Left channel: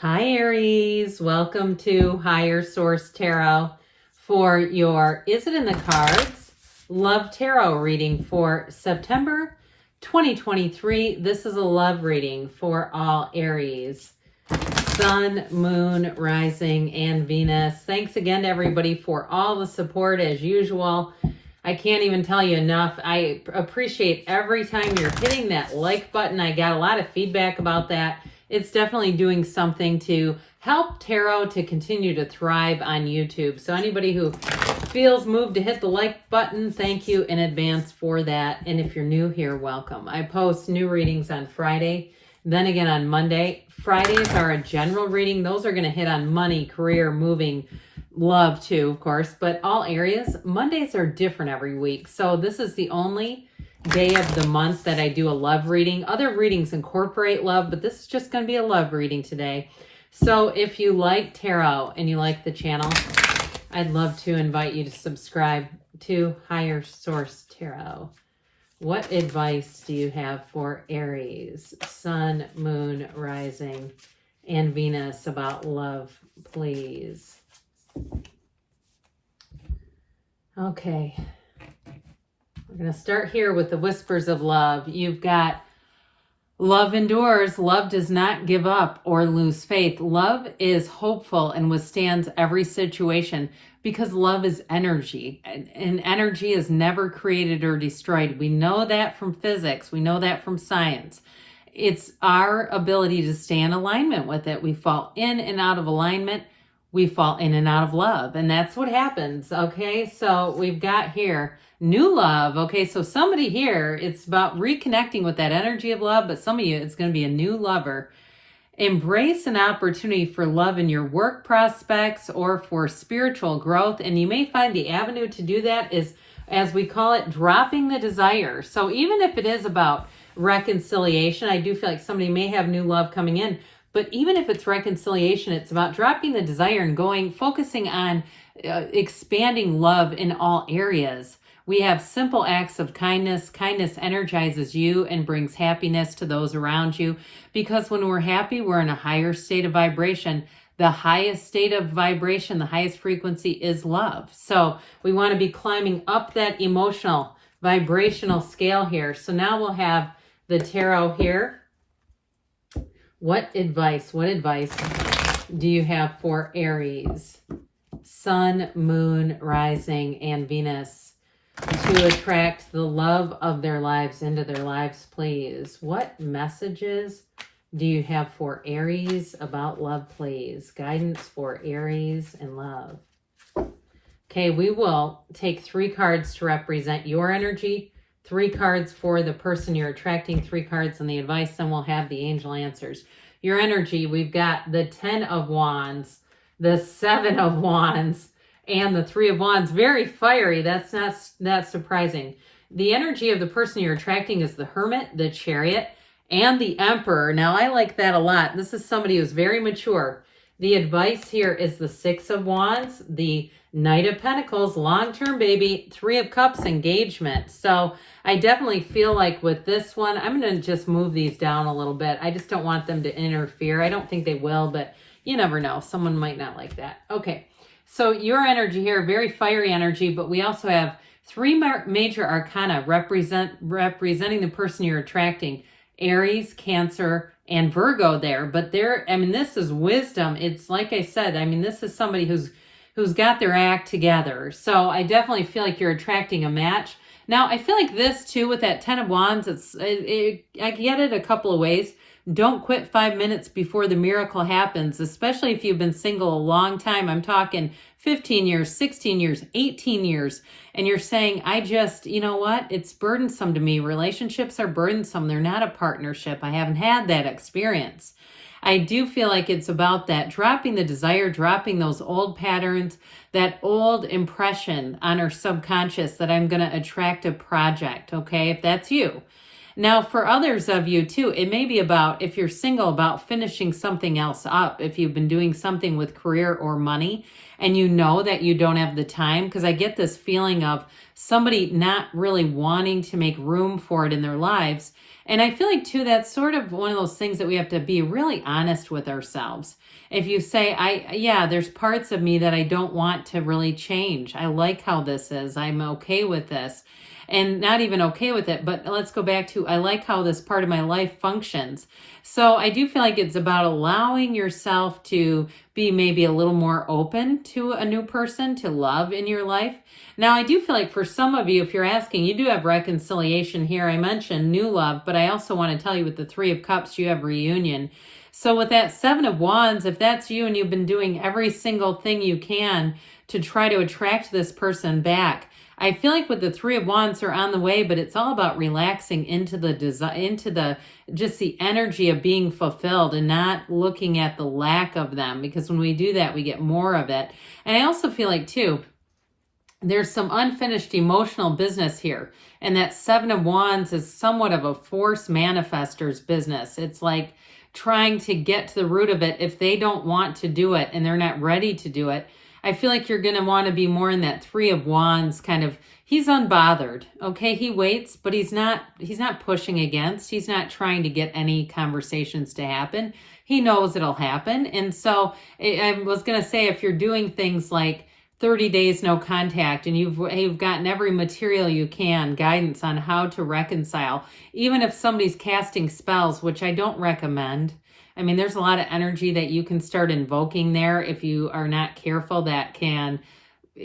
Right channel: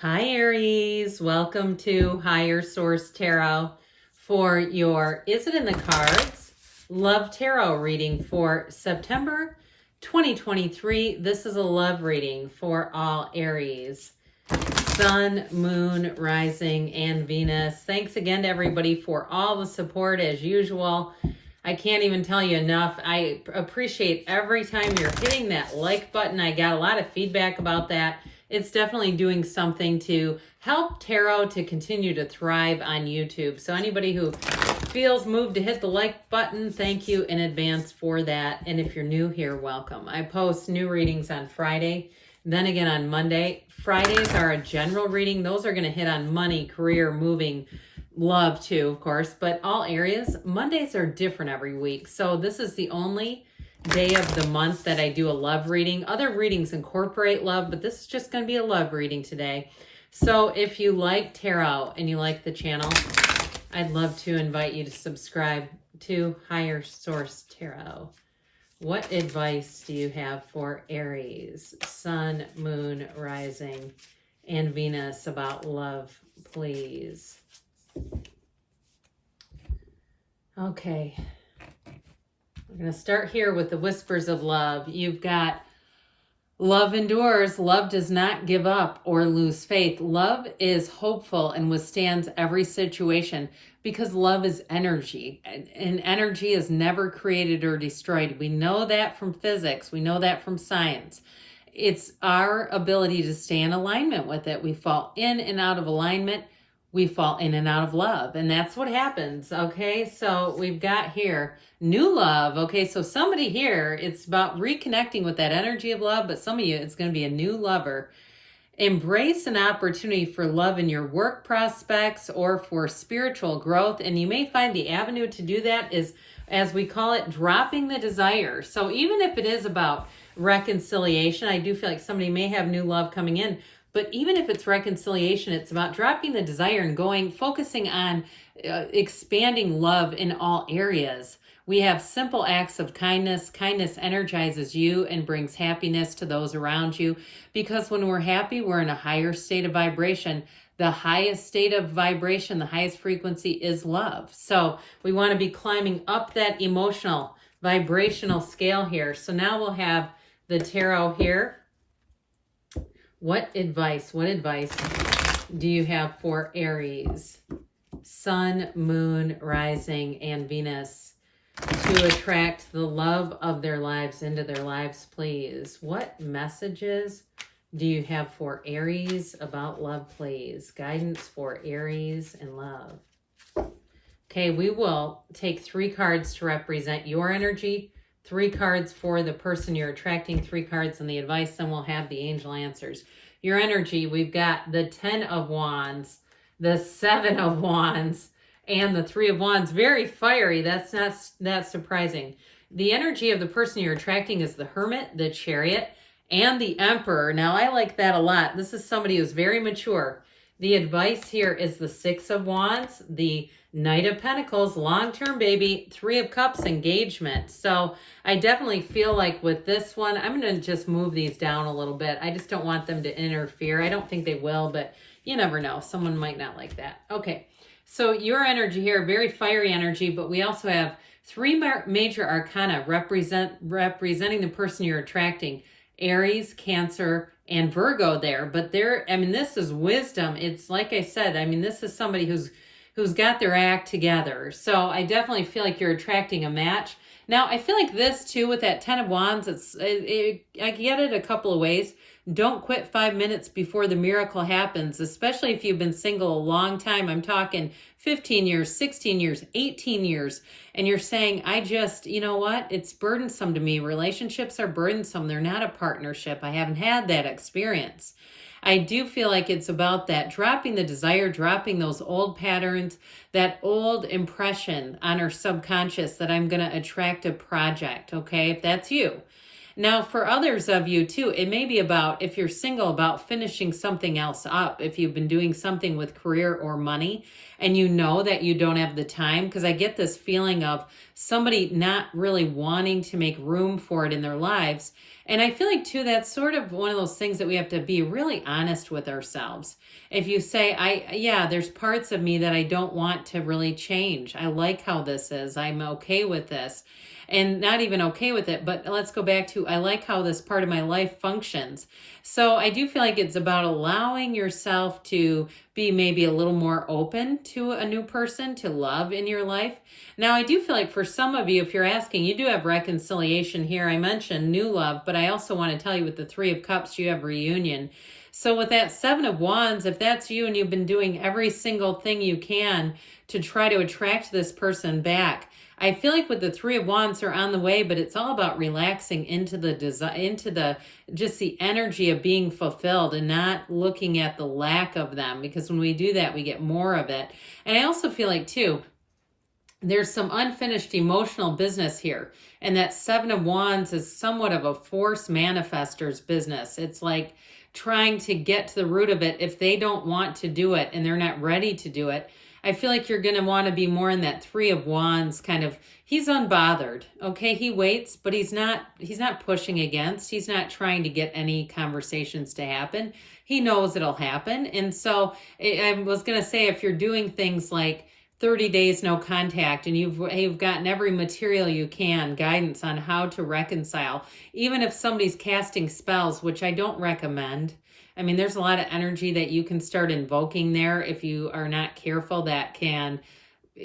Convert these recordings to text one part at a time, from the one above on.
Hi Aries, welcome to Higher Source Tarot for your Is It in the Cards? Love Tarot reading for September 2023. This is a love reading for all Aries. Sun, Moon, Rising, and Venus. Thanks again to everybody for all the support as usual. I can't even tell you enough. I appreciate every time you're hitting that like button. I got a lot of feedback about that. It's definitely doing something to help tarot to continue to thrive on YouTube. So anybody who feels moved to hit the like button, thank you in advance for that. And if you're new here, welcome. I post new readings on Friday, then again on Monday. Fridays are a general reading. Those are going to hit on money, career, moving, love too, of course, but all areas. Mondays are different every week. So this is the only day of the month that I do a love reading. Other readings incorporate love, but this is just going to be a love reading today. So if you like tarot and you like the channel, I'd love to invite you to subscribe to Higher Source Tarot. What advice do you have for Aries, Sun, Moon, Rising, and Venus about love, please? Okay. We're going to start here with the whispers of love. You've got love endures. Love does not give up or lose faith. Love is hopeful and withstands every situation because love is energy. And energy is never created or destroyed. We know that from physics. We know that from science. It's our ability to stay in alignment with it. We fall in and out of alignment. We fall in and out of love. And that's what happens. Okay, so we've got here new love. Okay, so somebody here, it's about reconnecting with that energy of love, but some of you, it's going to be a new lover. Embrace an opportunity for love in your work prospects or for spiritual growth. And you may find the avenue to do that is, as we call it, dropping the desire. So even if it is about reconciliation, I do feel like somebody may have new love coming in. But even if it's reconciliation, it's about dropping the desire and focusing on expanding love in all areas. We have simple acts of kindness. Kindness energizes you and brings happiness to those around you. Because when we're happy, we're in a higher state of vibration. The highest state of vibration, the highest frequency is love. So we want to be climbing up that emotional, vibrational scale here. So now we'll have the tarot here. What advice do you have for Aries, Sun, Moon, Rising, and Venus to attract the love of their lives into their lives, please? What messages do you have for Aries about love, please? Guidance for Aries and love. Okay, we will take 3 cards to represent your energy, 3 cards for the person you're attracting, 3 cards on the advice, then we'll have the angel answers. Your energy, we've got the 10 of Wands, the 7 of Wands, and the 3 of Wands. Very fiery. That's not that surprising. The energy of the person you're attracting is the Hermit, the Chariot, and the Emperor. Now, I like that a lot. This is somebody who's very mature. The advice here is the 6 of Wands, the Knight of Pentacles, long-term baby, 3 of Cups, engagement. So I definitely feel like with this one, I'm going to just move these down a little bit. I just don't want them to interfere. I don't think they will, but you never know. Someone might not like that. Okay, so your energy here, very fiery energy, but we also have 3 major arcana representing the person you're attracting. Aries, Cancer, and Virgo there. But this is wisdom. It's like I said, this is somebody who's got their act together. So I definitely feel like you're attracting a match. Now, I feel like this too, with that 10 of Wands, I get it a couple of ways. Don't quit 5 minutes before the miracle happens, especially if you've been single a long time. I'm talking 15 years, 16 years, 18 years. And you're saying, you know what? It's burdensome to me. Relationships are burdensome. They're not a partnership. I haven't had that experience. I do feel like it's about that, dropping the desire, dropping those old patterns, that old impression on our subconscious that I'm going to attract a project, okay, if that's you. Now, for others of you too, it may be about, if you're single, about finishing something else up. If you've been doing something with career or money and you know that you don't have the time, because I get this feeling of somebody not really wanting to make room for it in their lives. And I feel like too, that's sort of one of those things that we have to be really honest with ourselves. If you say, yeah, there's parts of me that I don't want to really change. I like how this is. I'm okay with this. And not even okay with it, but let's go back to, I like how this part of my life functions. So I do feel like it's about allowing yourself to be maybe a little more open to a new person, to love in your life. Now, I do feel like for some of you, if you're asking, you do have reconciliation here. I mentioned new love, but I also want to tell you with the Three of Cups, you have reunion. So with that Seven of Wands, if that's you and you've been doing every single thing you can to try to attract this person back, I feel like with the Three of Wands are on the way, but it's all about relaxing into just the energy of being fulfilled and not looking at the lack of them, because when we do that, we get more of it. And I also feel like too, there's some unfinished emotional business here. And that Seven of Wands is somewhat of a force manifester's business. It's like trying to get to the root of it. If they don't want to do it and they're not ready to do it, I feel like you're going to want to be more in that Three of Wands kind of, he's unbothered. Okay, he waits, but he's not pushing against. He's not trying to get any conversations to happen. He knows it'll happen. And so I was going to say, if you're doing things like 30 days no contact and you've gotten every material you can, guidance on how to reconcile, even if somebody's casting spells, which I don't recommend. I mean, there's a lot of energy that you can start invoking there if you are not careful that can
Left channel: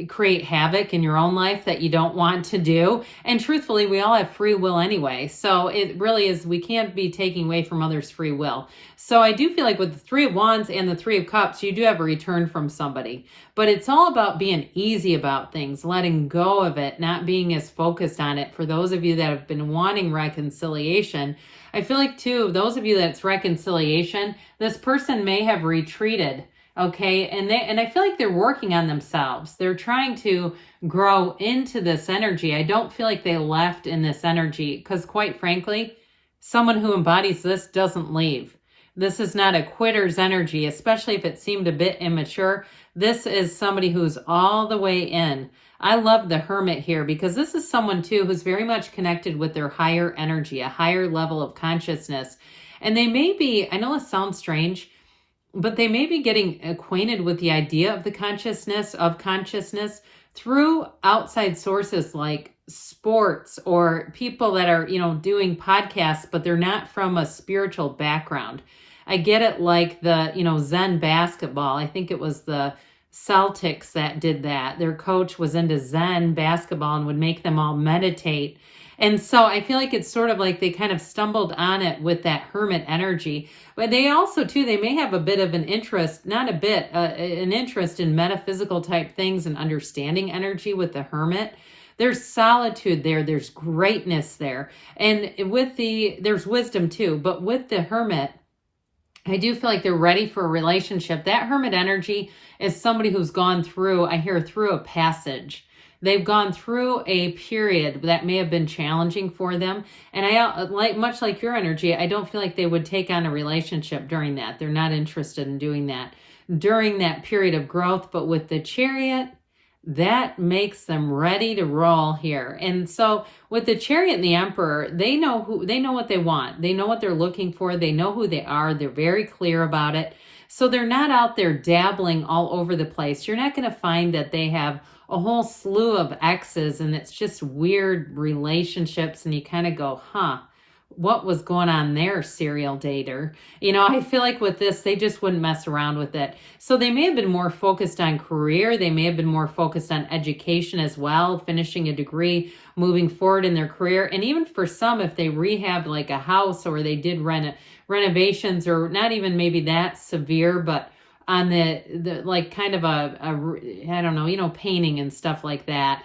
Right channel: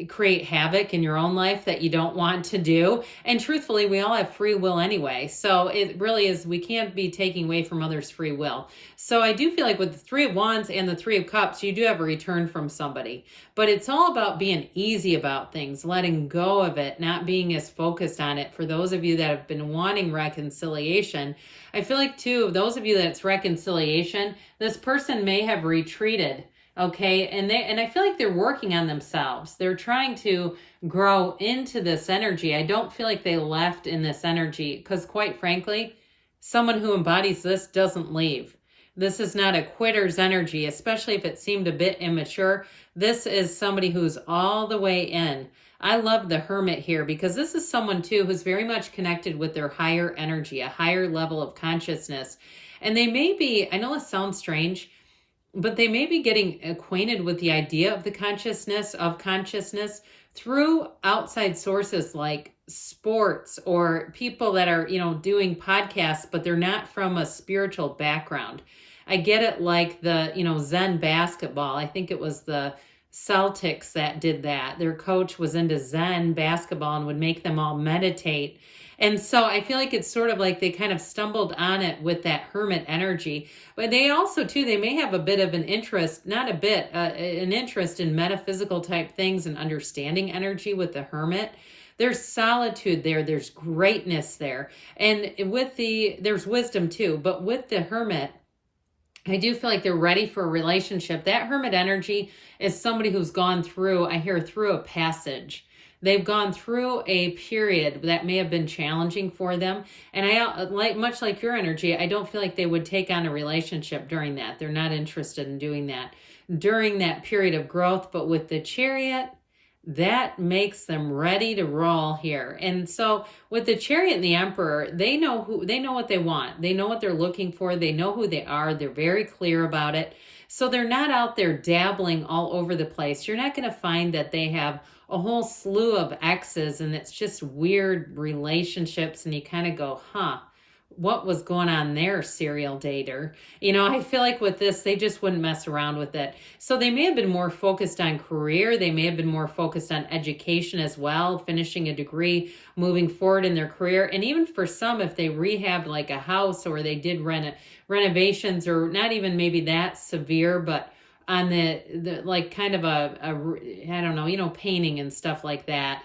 create havoc in your own life that you don't want to do. And truthfully, we all have free will anyway. So it really is, we can't be taking away from others' free will. So I do feel like with the Three of Wands and the Three of Cups, you do have a return from somebody. But it's all about being easy about things, letting go of it, not being as focused on it. For those of you that have been wanting reconciliation, I feel like too, those of you that's reconciliation, this person may have retreated. Okay, and I feel like they're working on themselves. They're trying to grow into this energy. I don't feel like they left in this energy because, quite frankly, someone who embodies this doesn't leave. This is not a quitter's energy, especially if it seemed a bit immature. This is somebody who's all the way in. I love the Hermit here because this is someone too who's very much connected with their higher energy, a higher level of consciousness. And they may be, I know it sounds strange, but they may be getting acquainted with the idea of the consciousness through outside sources like sports or people that are, doing podcasts, but they're not from a spiritual background. I get it like the, Zen basketball. I think it was the Celtics that did that. Their coach was into Zen basketball and would make them all meditate. And so I feel like it's sort of like they kind of stumbled on it with that Hermit energy. But they also, too, they may have a bit of an interest, not a bit, an interest in metaphysical type things and understanding energy with the Hermit. There's solitude there. There's greatness there. And there's wisdom, too. But with the Hermit, I do feel like they're ready for a relationship. That Hermit energy is somebody who's gone through, I hear, through a passage. They've gone through a period that may have been challenging for them. And much like your energy, I don't feel like they would take on a relationship during that. They're not interested in doing that during that period of growth. But with the Chariot, that makes them ready to roll here. And so with the Chariot and the Emperor, they know what they want. They know what they're looking for. They know who they are. They're very clear about it. So they're not out there dabbling all over the place. You're not going to find that they have a whole slew of exes and it's just weird relationships and you kind of go, what was going on there, serial dater? I feel like with this, they just wouldn't mess around with it. So they may have been more focused on career. They may have been more focused on education as well, finishing a degree, moving forward in their career. And even for some, if they rehabbed like a house or they did renovations or not even maybe that severe, but on the like kind of I don't know, painting and stuff like that.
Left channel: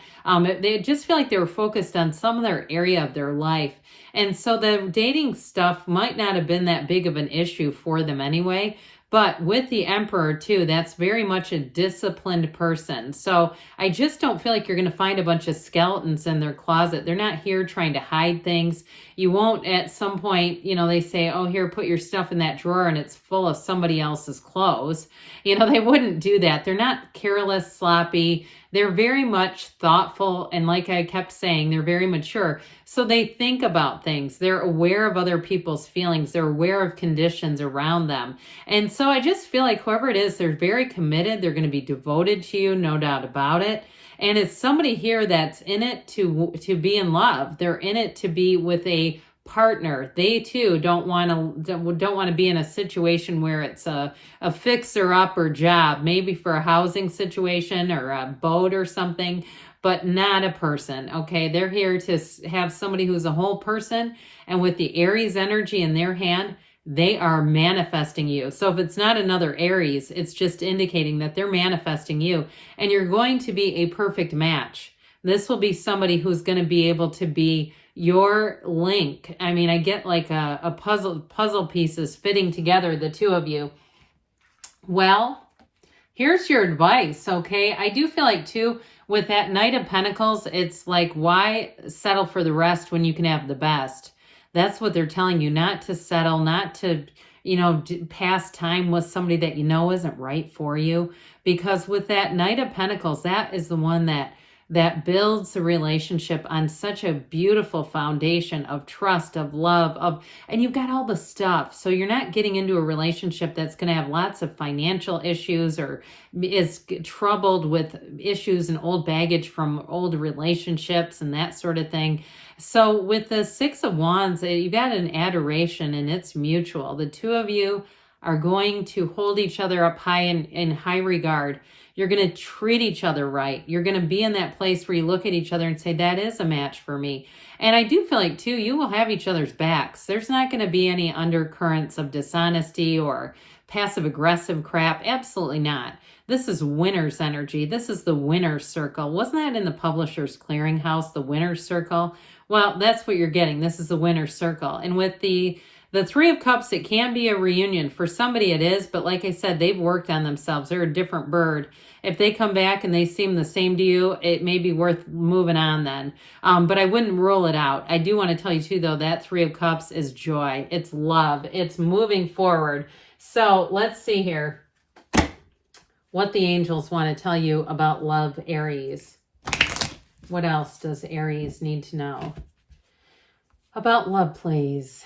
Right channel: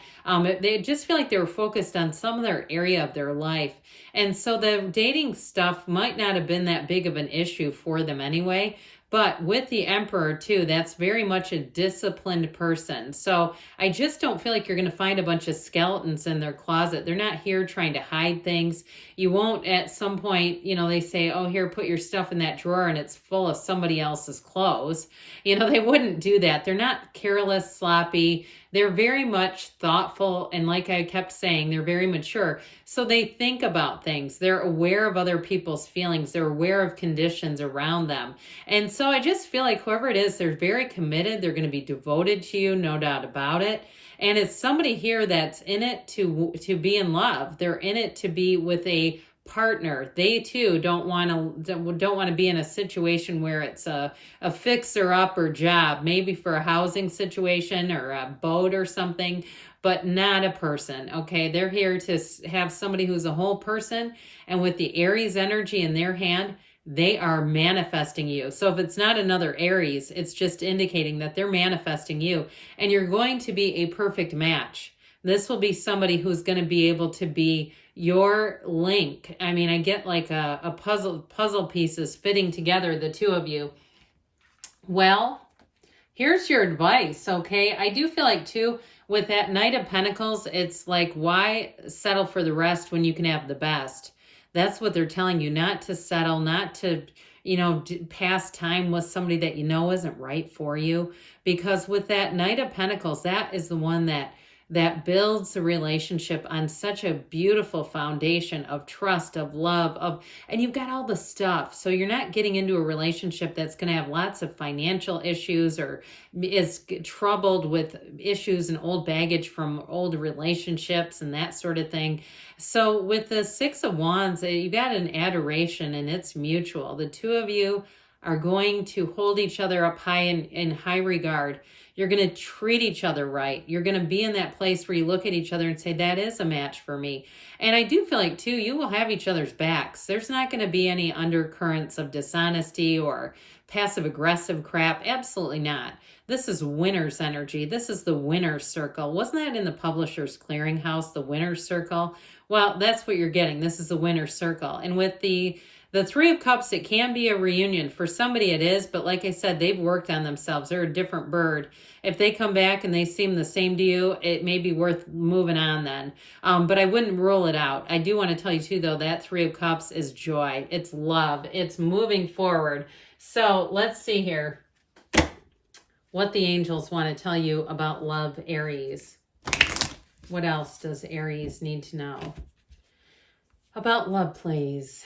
They just feel like they were focused on some other area of their life. And so the dating stuff might not have been that big of an issue for them anyway. But with the Emperor too, that's very much a disciplined person. So I just don't feel like you're going to find a bunch of skeletons in their closet. They're not here trying to hide things. You won't at some point, you know, they say, oh, here, put your stuff in that drawer and it's full of somebody else's clothes. You know, they wouldn't do that. They're not careless, sloppy. They're very much thoughtful. And like I kept saying, they're very mature. So they think about things. They're aware of other people's feelings. They're aware of conditions around them. And so I just feel like whoever it is, they're very committed. They're going to be devoted to you, no doubt about it. And it's somebody here that's in it to be in love. They're in it to be with a partner. They too don't want to be in a situation where it's a fixer-upper job, maybe for a housing situation or a boat or something, but not a person. Okay, they're here to have somebody who's a whole person, and with the Aries energy in their hand, they are manifesting you. So if it's not another Aries, it's just indicating that they're manifesting you, and you're going to be a perfect match. This will be somebody who's going to be able to be your link. I mean, I get like a puzzle pieces fitting together, the two of you. Well, here's your advice, okay? I do feel like too, with that Knight of Pentacles, it's like, why settle for the rest when you can have the best? That's what they're telling you, not to settle, not to, you know, pass time with somebody that you know isn't right for you. Because with that Knight of Pentacles, that is the one that builds the relationship on such a beautiful foundation of trust, of love, and you've got all the stuff. So you're not getting into a relationship that's going to have lots of financial issues or is troubled with issues and old baggage from old relationships and that sort of thing. So with the Six of Wands, you got an adoration and it's mutual. The two of you are going to hold each other up high in high regard. You're going to treat each other right. You're going to be in that place where you look at each other and say, that is a match for me. And I do feel like, too, you will have each other's backs. There's not going to be any undercurrents of dishonesty or passive-aggressive crap. Absolutely not. This is winner's energy. This is the winner's circle. Wasn't that in the Publisher's Clearinghouse, the winner's circle? Well, that's what you're getting. This is the winner's circle. And with the Three of Cups, it can be a reunion. For somebody it is, but like I said, they've worked on themselves. They're a different bird. If they come back and they seem the same to you, it may be worth moving on then. But I wouldn't rule it out. I do want to tell you too, though, that Three of Cups is joy. It's love. It's moving forward. So let's see here what the angels want to tell you about love, Aries. What else does Aries need to know about love, please?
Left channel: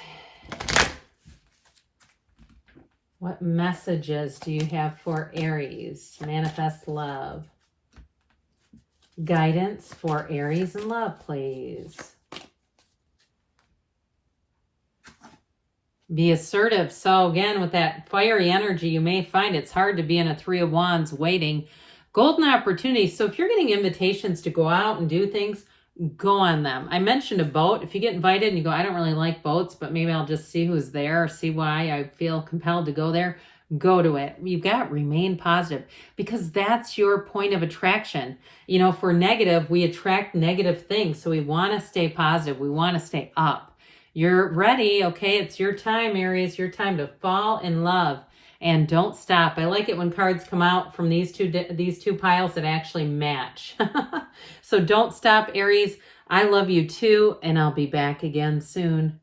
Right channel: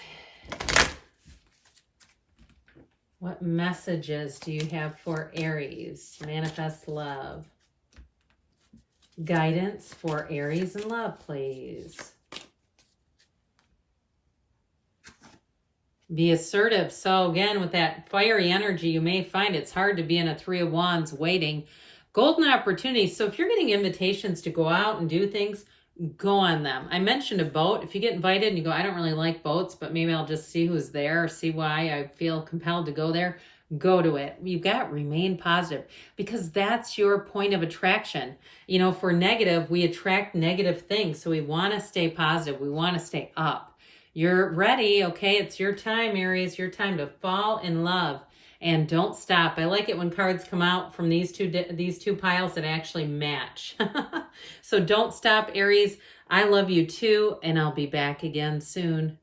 What messages do you have for Aries to manifest love? Guidance for Aries and love, please. Be assertive. So again, with that fiery energy, you may find it's hard to be in a Three of Wands waiting. Golden opportunities. So if you're getting invitations to go out and do things, go on them. I mentioned a boat. If you get invited and you go, I don't really like boats, but maybe I'll just see who's there or see why I feel compelled to go there. Go to it. You've got to remain positive because that's your point of attraction. You know, if we're negative, we attract negative things. So we want to stay positive. We want to stay up. You're ready. Okay. It's your time, Aries. Your time to fall in love. And don't stop. I like it when cards come out from these two piles that actually match. So don't stop, Aries. I love you too, and I'll be back again soon.